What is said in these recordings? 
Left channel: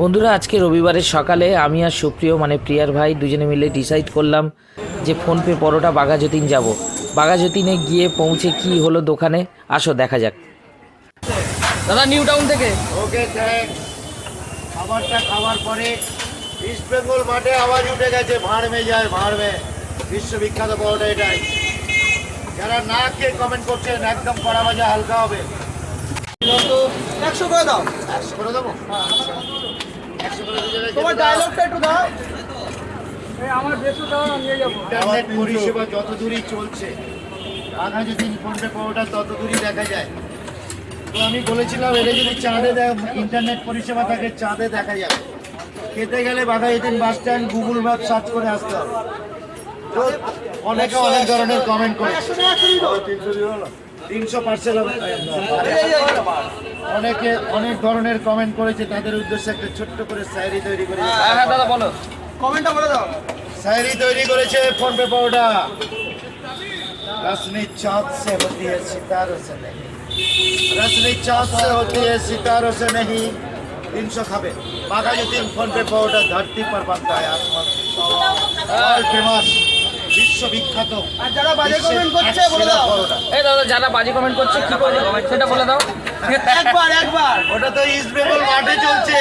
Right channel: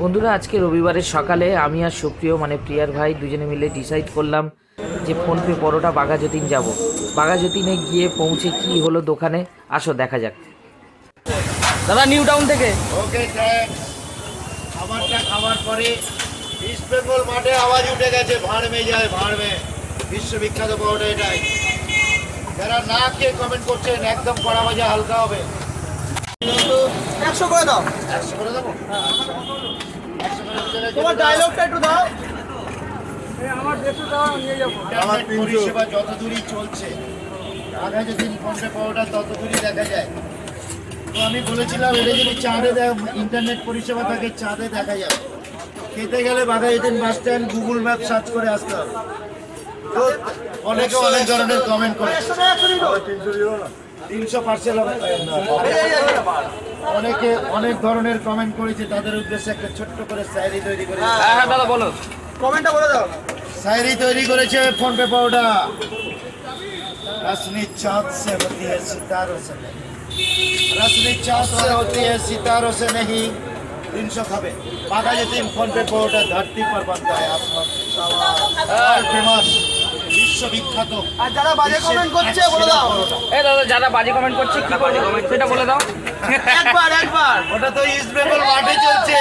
বন্ধুরা, আজকে রবিবারের সকালে আমি আর সুপ্রিয় মানে প্রিয়ার ভাই দুজনে মিলে ডিসাইড করলাম যে ফোনপে পরোটা বাঘাযতীন যাব। বাঘাযতীনে গিয়ে পৌঁছে কি হলো দোকানে, আসো দেখা যাক। দাদা নিউ টাউন থেকে। Okay thanks. খাবারটা খাওয়ার পরে ইস্ট বেঙ্গল মাঠে আওয়াজ উঠে গেছে, ভাঁড় মে যায় ভাঁড় মে, বিশ্ববিখ্যাত পরোটা এটাই। যারা না খেয়ে কমেন্ট করছেন একদম কড়া ভাজা হালকা হবে। 100 করে দাও। 100 করে দেবো? 100 করে দিতে গেছে। তোমার ডায়লগটা একটু দাও। আমার 150 টাকা নিয়ে যাবো। ইন্টারনেট পরিষেবা যত দূরই চলছে, বাঘাযতীন ফোনপে পরোটা তত দূরই দেখা যায়। তো আমি বলেছিলাম এটা যদি চাঁদে ইন্টারনেট পরিষেবা থাকে চাঁদে দেখা যাবে। খেতে গেলে Baghajatin bus stand Google map search করে আসতে হবে। তো অনেকে অনেক ধরনের কমেন্ট করে, 300 পার্সেল হবে। অনেকে অনেক ধরনের কমেন্ট করেছে, তাদের উদ্দেশ্যে একটা ছোট্ট করে শায়রি তৈরি করে। হ্যাঁ দাদা বলো, কমেন্টটা বলে দাও। शायरी तैयारी করেছে ফোনপে পরোটা। रसनी चाँद से होती है सितारों से नहीं, रसनी चाँद से होती है सितारों से नहीं। 300 খাবে। বাঘাযতীন ফোনপে পরোটা ধরती पर बनता है आसमान से सवार। फेमस বিশ্ববিখ্যাত। আর যারা বাজে কমেন্ট করছে বলে দাও। এই দাদা যারা বাজে কমেন্ট করছে কি বাজে কমেন্ট সেটা বলে দাও। একবার ওটা তো ইস্ট বেঙ্গল মাঠে চলছে।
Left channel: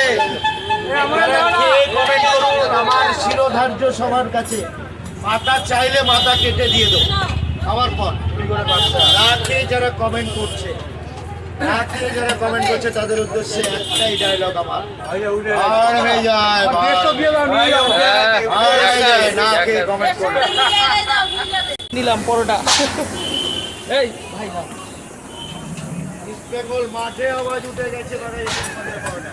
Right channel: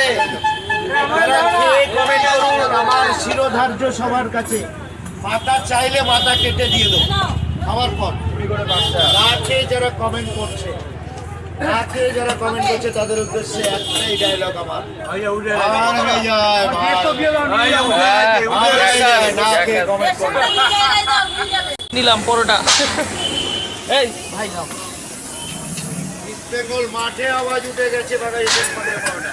কমেন্ট করুন, আমার শিরোধার্য সবার কাছে। মাথা চাইলে মাথা কেটে দিয়ে দেবো খাওয়ার পর। না খেয়ে যারা কমেন্ট করছে, না খেয়ে যারা কমেন্ট করছে তাদের উদ্দেশ্যে একটাই ডায়লগ আমার, আর হয়ে যায় না খেয়ে কমেন্ট করবে। নিলাম পরোটা। এই ভাই নাও। ইস্ট বেঙ্গল মাঠে আওয়াজ উঠে গেছে বাঘাযতীন ফোনপে পরোটা।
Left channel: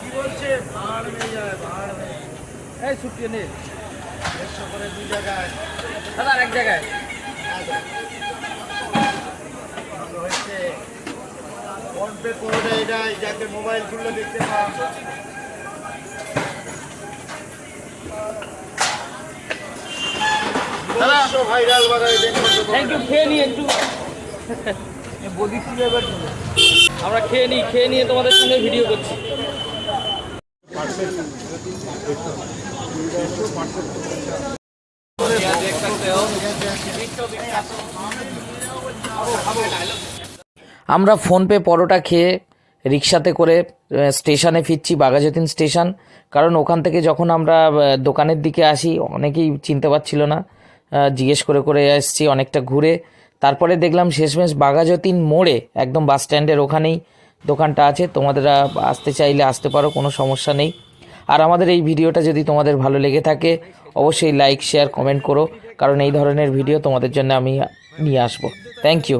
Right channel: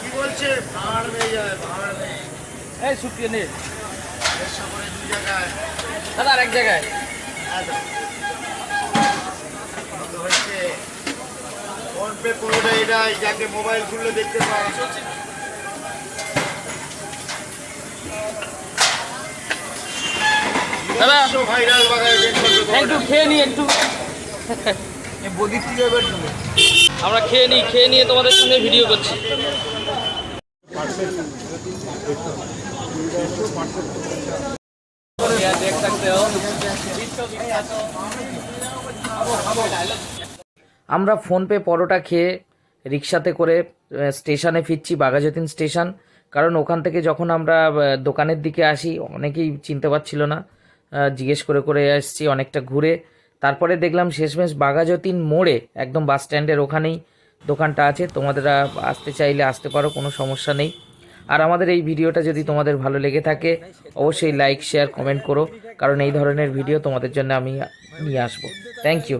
কি বলছে? ভাঁড় মে যায় ভাঁড় মে। এই সুপ্রিয় নে 150 করে 2 জায়গায়। দাদা আরেক জায়গায়। হচ্ছে ফোনপে পরোটা এটাই, যাকে মোবাইল খুললে দেখতে পাওয়া। দাদা ভাইরাল বাঘাযতীন একটু খেয়ে নি একটু। আমরা খেয়ে নিয়ে তোমাদের সঙ্গে ভিডিও করছি। আমরা ফোনপে পরোটা খেয়ে রিক্সাতে করে স্টেশনে ফিরছি, বাঘাযতীন স্টেশন। কারণ ওখান থেকে যখন আমরা দোকানের দিকে আসি অনেকেই চিনতে পারছিল না, জিজ্ঞেস করে করে আসছি অনেকটা ঘুরে। তারপরে দেখলাম শেষমেশ বাঘাযতীন মোড়ে একদম বাস স্ট্যান্ডের ওখানেই দোকানটা আছে। তোমাদেরা আসতে চাইলে আসতে পারো, কোনো সমস্যা নেই। আর আমাদের এই ভিডিওটা যদি তোমাদের ভালো লেগে থাকে অবশ্যই লাইক শেয়ার কমেন্ট করো, কারণ এই ধরনের ভিডিও তোমাদের জন্য আমি নিয়ে আসবো। Thank you.